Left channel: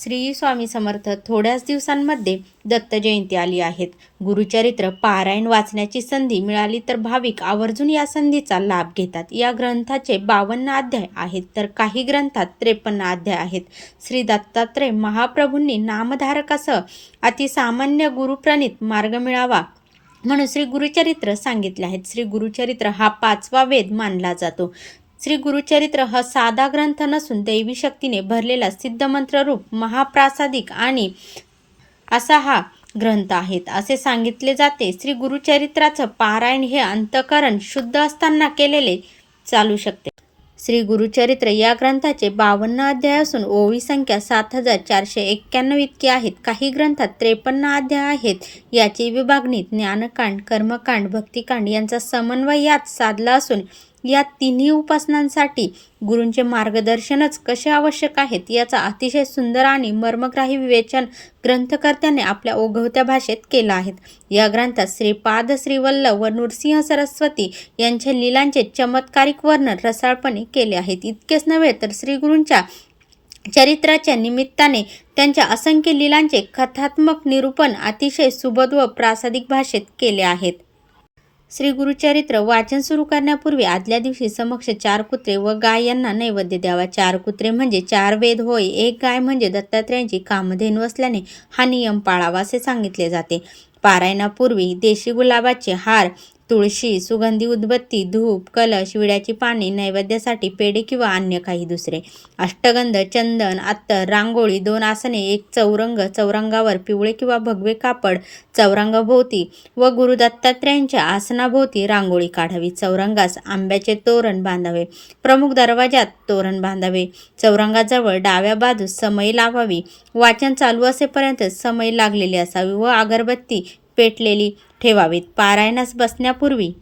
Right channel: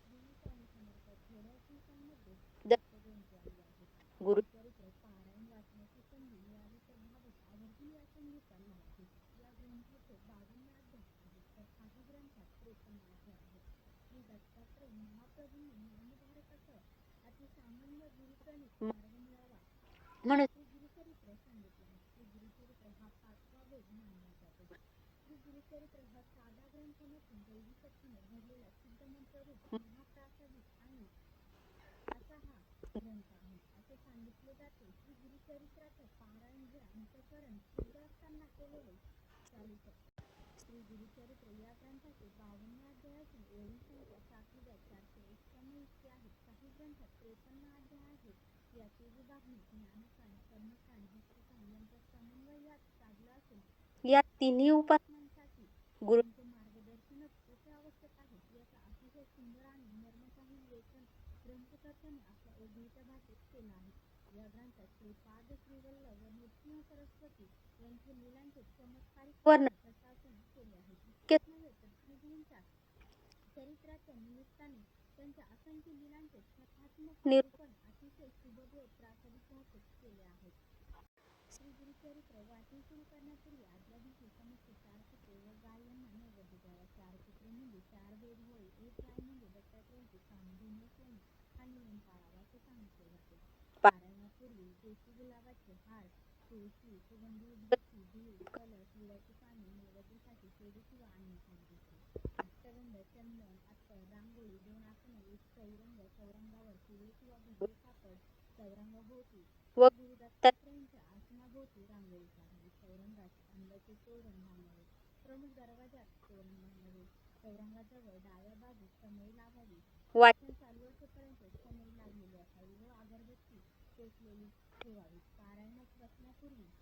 श्री स्वामी समर्थ थोड्याच दिवसांमध्ये दत्त जयंती आली आहेत. गुरुचरित्र पारायण वाचण्याची संधी मिळाली तर भाविक आवर्जून या संधीचा लाभ घेतात. या ग्रंथाचे बावन्न अध्याय आहेत तर काही ग्रंथात त्रेपन्न अध्याय आहेत. श्री दत्तात्रय महाप्रभूंनी नामधारकासह अतिसामान्य गुरुप्रणित मार्ग मिळावा म्हणून श्री गुरुचरित्र सांगितले आहेत. श्री गुरुचरित्र हा पाचवा वेद मानला जातो. श्री गुरुचरित्र हा साधा ग्रंथ नसून दैवी शक्तीने भरलेला सिद्धमंत्र रूप महाप्रासादिक आणि असा हा ग्रंथ आहेत. असे सांगितले जाते श्री गुरुचरित्राचं पारायण हे अंतकरण शुद्ध असताना केलेले चालू शकते. श्री गुरुचरित्र या ग्रंथाचे बावन्न अध्याय असून ओवी संख्या सात हजार चारशे एक्क्याण्णव इतकी आहेत. काही ग्रंथात त्रेपन्न अध्याय आहेत. याची विभागणी ज्ञानकांड कर्मकांड भक्तिकांड यांचा समन्वय यात साधला असून या तिन्ही उपासनांसाठी गुरूंचे मार्गदर्शनच कसे आवश्यक आहेत याचा अतिशय सुंदर आणि मर्मग्राही विवेचन ग्रंथकर्त्याने आपल्या ओघवत्या भाषेत केला आहे या ग्रंथात श्रीपाद श्रीवल्लभ व नृसिंह सरस्वती यांच्या लीलांचे चमत्कारिक वर्णन रसाळपणे केले आहेत. इतकेच नव्हे तर श्रीगुरूंच्या चरित्राच्या निमित्ताने त्यांच्या असंख्य लीलांचे कथात्मक निरूपण अतिशय सुबोध व प्रासादिक भाषेत केले आहेत. श्री गुरुचरित्र वाचन सुरू करण्यापूर्वी आदल्या दिवशी समक्ष चार कुत्रे व गाय यांना नैवेद्य द्यावा. चार कुत्रे म्हणजे चार वेद होय. एक गाय म्हणजे दत्तात्रेयांची कामधेनू असल्याने हा नियम पाळावा असे सांगितले जाते. पारायणापूर्वी देशी गुलाबाचे हार तुळशी सुगंधी उदबत्ती धूप कलश विड्याची पाने नैवेद्यासाठी पेढे किंवा अन्य काही दुसरे. अष्टगंध चंदन अत्तर रांगोळी दोन आसने एक चौरंग चौरंगावर पिवळे किंवा भगवे कापड चौरंगाभोवती व गुरु दत्तात्रयांच्या आसनाभोवती रांगोळी काढावी. चौरंगास आंब्याचे तोरण बांधावे. प्रमुख दरवाजात तोरण बांधावे. चौरंगाजवळ डाव्या बाजूस समई लावावी. वाचन चालू असेपर्यंत समई लागलेली असावी व अगरबत्ती पेटलेली ठेवावीत. पारायणास बसण्यापूर्वी.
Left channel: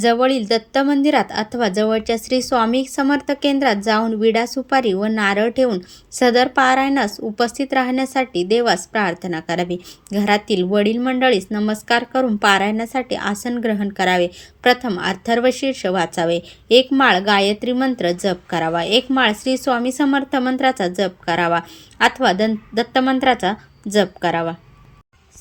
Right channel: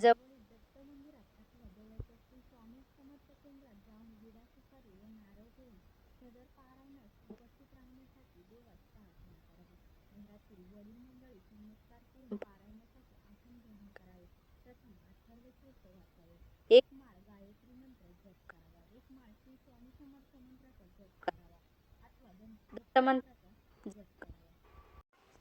जवळील दत्त मंदिरात अथवा जवळच्या श्री स्वामी समर्थ केंद्रात जाऊन विडा सुपारी व नारळ ठेवून सदर पारायणास उपस्थित राहण्यासाठी देवास प्रार्थना करावी. घरातील वडील मंडळीस नमस्कार करून पारायणासाठी आसन ग्रहण करावे. प्रथम अर्थर्वशीर्ष वाचावे. एक माळ गायत्री मंत्र जप करावा. एक माळ श्री स्वामी समर्थ मंत्राचा जप करावा. अथवा दं दत्तमंत्राचा जप करावा.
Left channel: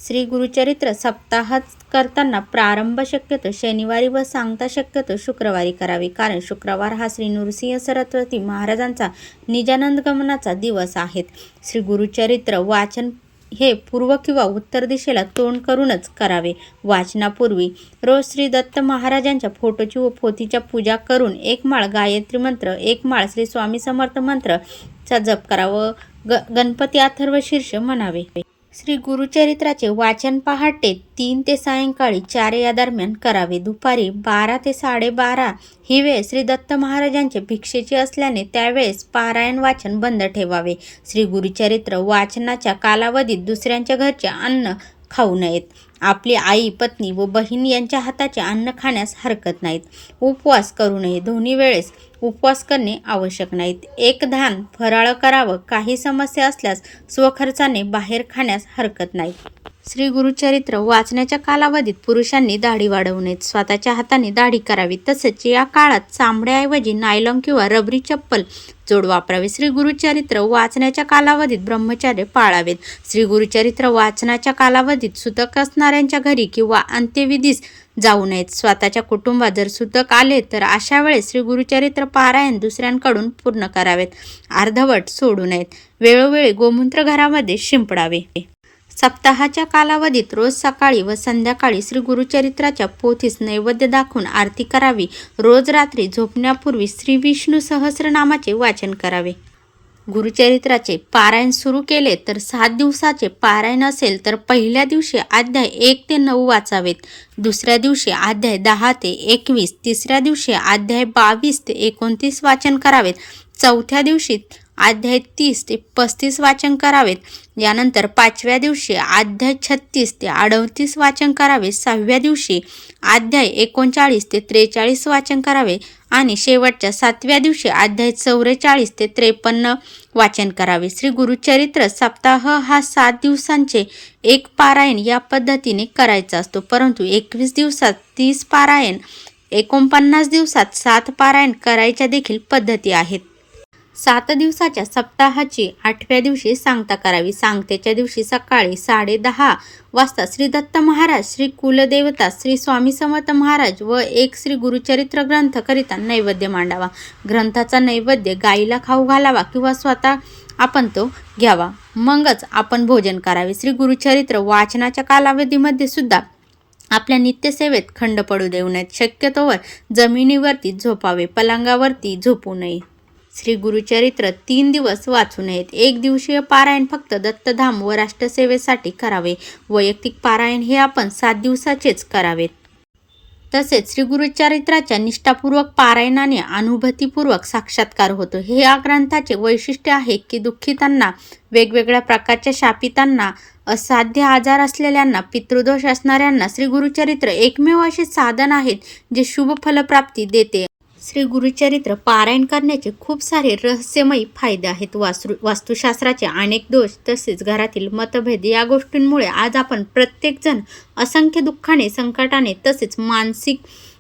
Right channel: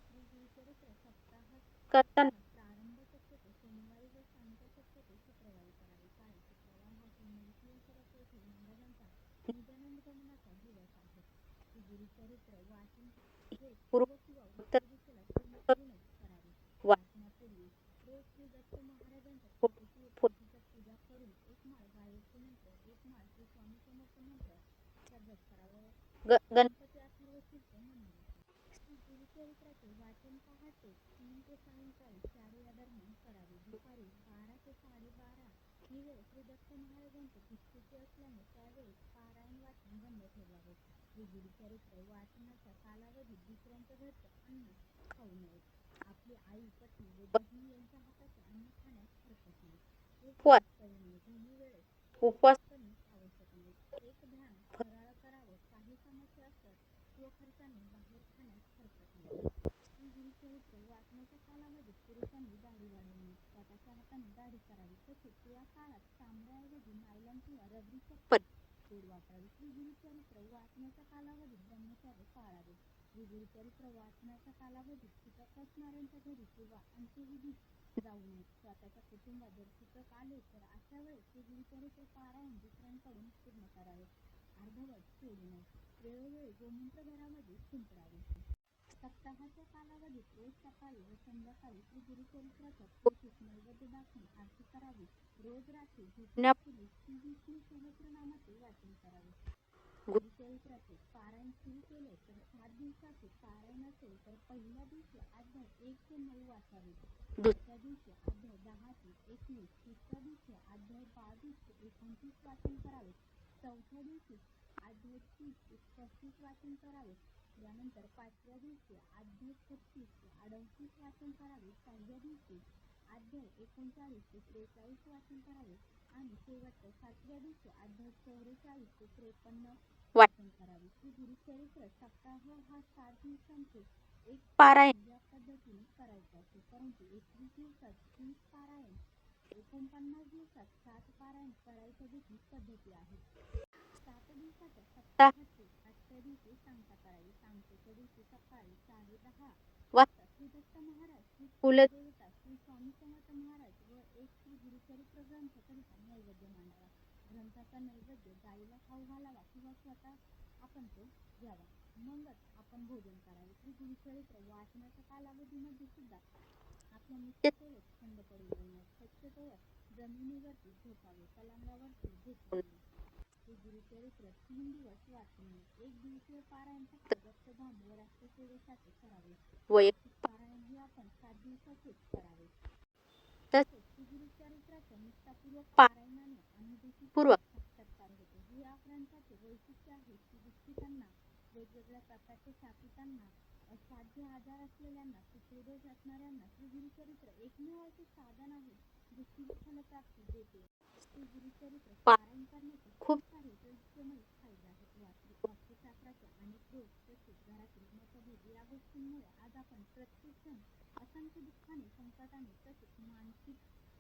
श्री गुरुचरित्र सप्ताहात करताना प्रारंभ शक्यतो शनिवारी व सांगता शक्यतो शुक्रवारी करावी. कारण शुक्रवार हा श्री नृसिंह सरस्वती महाराजांचा निजानंद गमनाचा दिवस आहे. श्री गुरुचरित्र वाचन हे पूर्व किंवा उत्तर दिशेला तोंड करूनच करावे. वाचनापूर्वी रोज श्री दत्त महाराजांच्या फोटोची व पोथीच्या पूजा करून एक माळ गायत्री मंत्र एक माळ श्री स्वामी समर्थ मंत्रचा जप करावं. ग गणपती अथर्व शीर्ष म्हणावे. श्री गुरुचरित्राचे वाचन पहाटे तीन ते सायंकाळी चार या दरम्यान करावे. दुपारी बारा ते साडेबारा ही वेळ श्री दत्त महाराजांचे भिक्षेची असल्याने त्यावेळेस पारायण वाचन बंद ठेवावे. श्री गुरुचरित्र वाचनाच्या कालावधीत दुसऱ्यांच्या घरचे अन्न खाऊ नयेत. आपली आई पत्नी व बहीण यांच्या हाताचे अन्न खाण्यास हरकत नाहीत. उपवास करू नये. दोन्ही वेळेस उपवास करणे आवश्यक नाहीत. एक धान फराळ करावं. काही समस्या असल्यास स्वखर्चाने बाहेर खाण्यास हरकत नाही. श्री गुरुचरित्र वाचण्याच्या कालावधीत पुरुषांनी दाढी वाढवू नयेत. स्वतःच्या हाताने दाढी करावी. तसेच या काळात चांबड्याऐवजी नायलॉन किंवा रबरी चप्पल जोड वापरावे. श्री गुरुचरित्र वाचण्याच्या कालावधीत ब्रह्मचार्य पाळावेत. श्री गुरुचरित्र वाचनाच्या कालावधीत सुतक असणार असणाऱ्यांच्या घरी किंवा अंत्यविधीस जाऊ नयेत. स्वतःच्या कुटुंबात जर सुतक आले तर अशा वेळेस श्री गुरुचरित्र पारायण दुसऱ्यांकडून पूर्ण करावेत. अर्धवट सोडू नयेत. वेळोवेळी गोमूत्र घरामध्ये शिंपडावे. सप्ताहाच्या कालावधीत रोज सकाळी व संध्याकाळी श्री गुरुचरित्राच्या पोथीस नैवेद्य दाखवून आरती करावी. रोज रात्री झोपण्यापूर्वी श्री विष्णू सहस्रनामाचे वाचन करावे. गुरुचरित्राचे पारायण सुरू केले तर सात दिवसाचे पारायण असेल तर पहिल्या दिवशी अध्याय एक ते नऊ वाचावेत. दुसऱ्या दिवशी अध्याय दहा ते एकवीस तिसऱ्या दिवशी अध्याय बावीस ते एकोणतीस वाचन करावेत. चौथ्या दिवशी अध्याय तीस ते पस्तीस वाचन करावेत. यानंतर पाचव्या दिवशी अध्याय छत्तीस ते अडतीस वाचन करावे. सहाव्या दिवशी अध्याय एकोणचाळीस ते त्रेचाळीस वाचन करावे. आणि शेवटच्या सातव्या दिवशी अध्याय चौवेचाळीस ते त्रेपन्न वाचन करावे. श्री गुरुचरित्र सप्ताह हा सात दिवसांचे एक पारायण या पद्धतीने करायचा असतो. परंतु एकवीस दिवसात तीस पारायण एकोणपन्नास दिवसात सात पारायण करायच्या देखील पद्धती आहेत. सात दिवसाच्या सप्ताहाची आठव्या दिवशी सांगता करावी. सांगतेच्या दिवशी सकाळी साडे दहा वाजता श्री दत्त महाराज श्री कुलदेवता श्री स्वामी समर्थ महाराज व एक श्री गुरुचरित्र ग्रंथकरिता नैवेद्य मांडावा. ग्रंथाचा नैवेद्य गाईला खाऊ घालावा किंवा स्वतः आपण तो घ्यावा. मगच आपण भोजन करावे. श्री गुरुचरित्र वाचनाच्या कालावधीमध्ये सुद्धा आपल्या नित्यसेवेत खंड पडू देऊ नयेत. शक्यतोवर जमिनीवरती झोपावे. पलंगावरती झोपू नये. श्री गुरुचरित्र तीन दिवस वाचू नयेत. एक दिवसीय पारायण फक्त दत्तधाम व राष्ट्रसेवेसाठी करावे. वैयक्तिक पारायण हे आपण सात दिवसाचेच करावेत. तसेच श्री गुरुचरित्राच्या निष्ठापूर्वक पारायणाने अनुभूतीपूर्वक साक्षात्कार होतो. हे या ग्रंथाचे वैशिष्ट्य आहे की दुःखितांना वेगवेगळ्या प्रकारच्या शापितांना असाध्य आजार असलेल्यांना पितृदोष असणाऱ्यांना श्री गुरुचरित्र एकमेव असे साधन आहेत जे शुभ फलप्राप्ती देते. श्री गुरुचरित्र पारायण करण्याचे खूप सारे रहस्यमयी फायदे आहेत. वास्तु वास्तुशास्त्राचे अनेक दोष तसेच घरातील मतभेद या गोष्टींमुळे आज आपण प्रत्येकजण असंख्य दुःखाने संकटाने तसेच मानसिक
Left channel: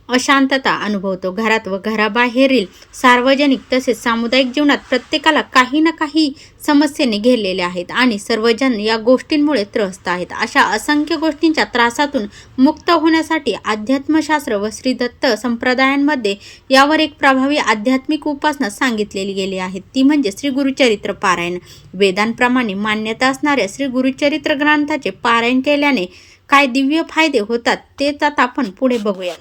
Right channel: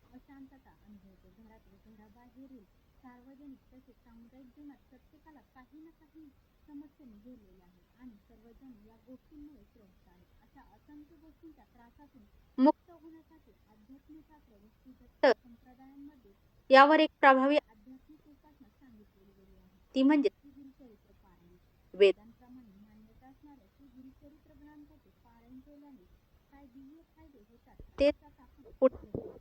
अशांतता अनुभवतो. घरात व घराबाहेरील सार्वजनिक तसेच सामुदायिक जीवनात प्रत्येकाला काही ना काही समस्येने घेरलेले आहेत आणि सर्वजण या गोष्टींमुळे त्रस्त आहेत. अशा असंख्य गोष्टींच्या त्रासातून मुक्त होण्यासाठी अध्यात्मशास्त्र व श्रीदत्त संप्रदायांमध्ये यावर एक प्रभावी आध्यात्मिक उपासना सांगितलेली गेली आहे. ती म्हणजे श्री गुरुचरित्र पारायण. वेदांप्रमाणे मान्यता असणाऱ्या श्री गुरुचरित्र ग्रंथाचे पारायण केल्याने काय दिव्य फायदे होतात तेच आता आपण पुढे बघूया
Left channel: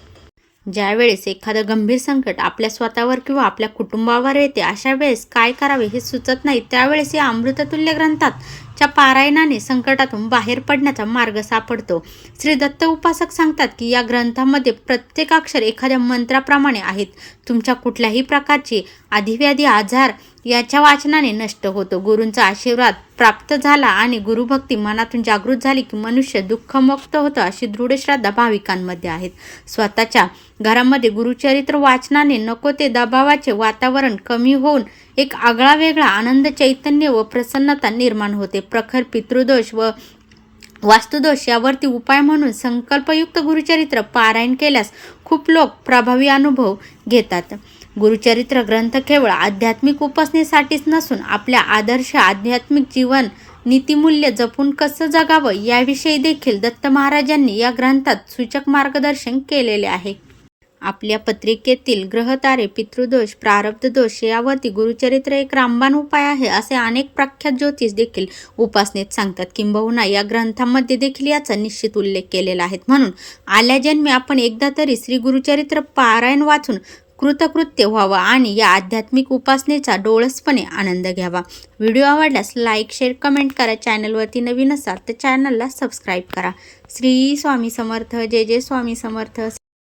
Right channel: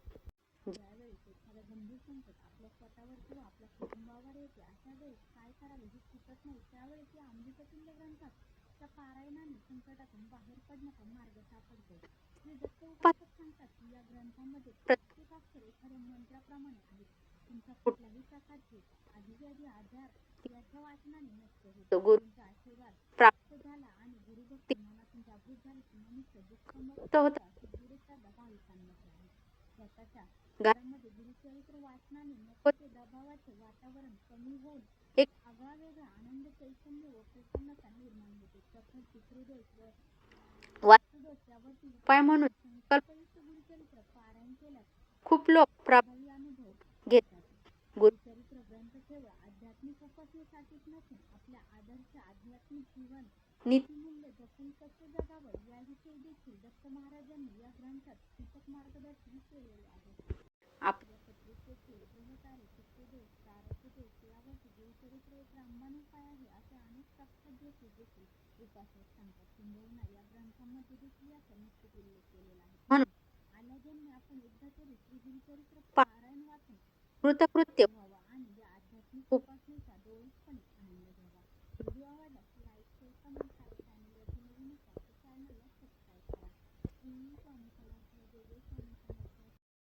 ज्यावेळेस एखादं गंभीर संकट आपल्या स्वतःवर किंवा आपल्या कुटुंबावर येते अशा वेळेस काय करावे हे सुचत नाही. त्यावेळेस या अमृततुल्य ग्रंथात च्या पारायणाने संकटातून बाहेर पडण्याचा मार्ग सापडतो. श्री दत्त उपासक सांगतात की या ग्रंथामध्ये प्रत्येक अक्षर एखाद्या मंत्राप्रमाणे आहेत. तुमच्या कुठल्याही प्रकारची अधिव्याधी आजार याच्या वाचनाने नष्ट होतो. गुरूंचा आशीर्वाद प्राप्त झाला आणि गुरुभक्ती मनातून जागृत झाली की मनुष्य दुःखमुक्त होतं अशी दृढ श्रद्धा भाविकांमध्ये आहेत स्वतःच्या घरामध्ये गुरुचरित्र वाचनाने नको ते दबावाचे वातावरण कमी होऊन एक आगळा वेगळा आनंद चैतन्य व प्रसन्नता निर्माण होते. प्रखर पितृदोष व वास्तुदोष यावरती उपाय म्हणून संकल्पयुक्त गुरुचरित्र पारायण केल्यास खूप लोक प्रभावी अनुभव घेतात. गुरुचरित्र ग्रंथ केवळ आध्यात्मिक उपासनेसाठीच नसून आपल्या आदर्श आध्यात्मिक जीवन नीतिमूल्य जपून कसं जगावं याविषयी देखील दत्त महाराजांनी या ग्रंथात सूचक मार्गदर्शन केलेले आहे. आपल्या पत्रिकेतील ग्रहतारे पितृदोष प्रारब्ध दोष यावरती गुरुचरित्र एक रामबाण उपाय आहे असे अनेक प्रख्यात ज्योतिष देखील उपासनेत सांगतात. किंबहुना या ग्रंथामध्ये देखील याचा निश्चित उल्लेख केलेला आहे. म्हणून आल्या जन्मी आपण एकदा तरी श्री गुरुचरित्र पारायण वाचून कृतकृत्य व्हावं आणि या आध्यात्मिक उपासनेचा डोळसपणे आनंद घ्यावा. व्हिडिओ आवडल्यास लाईक शेअर कमेंट करा. चॅनलवरती नवीन असाल तर चॅनलला सबस्क्राईब करा. श्री स्वामी समर्थ. जय जय स्वामी समर्थ.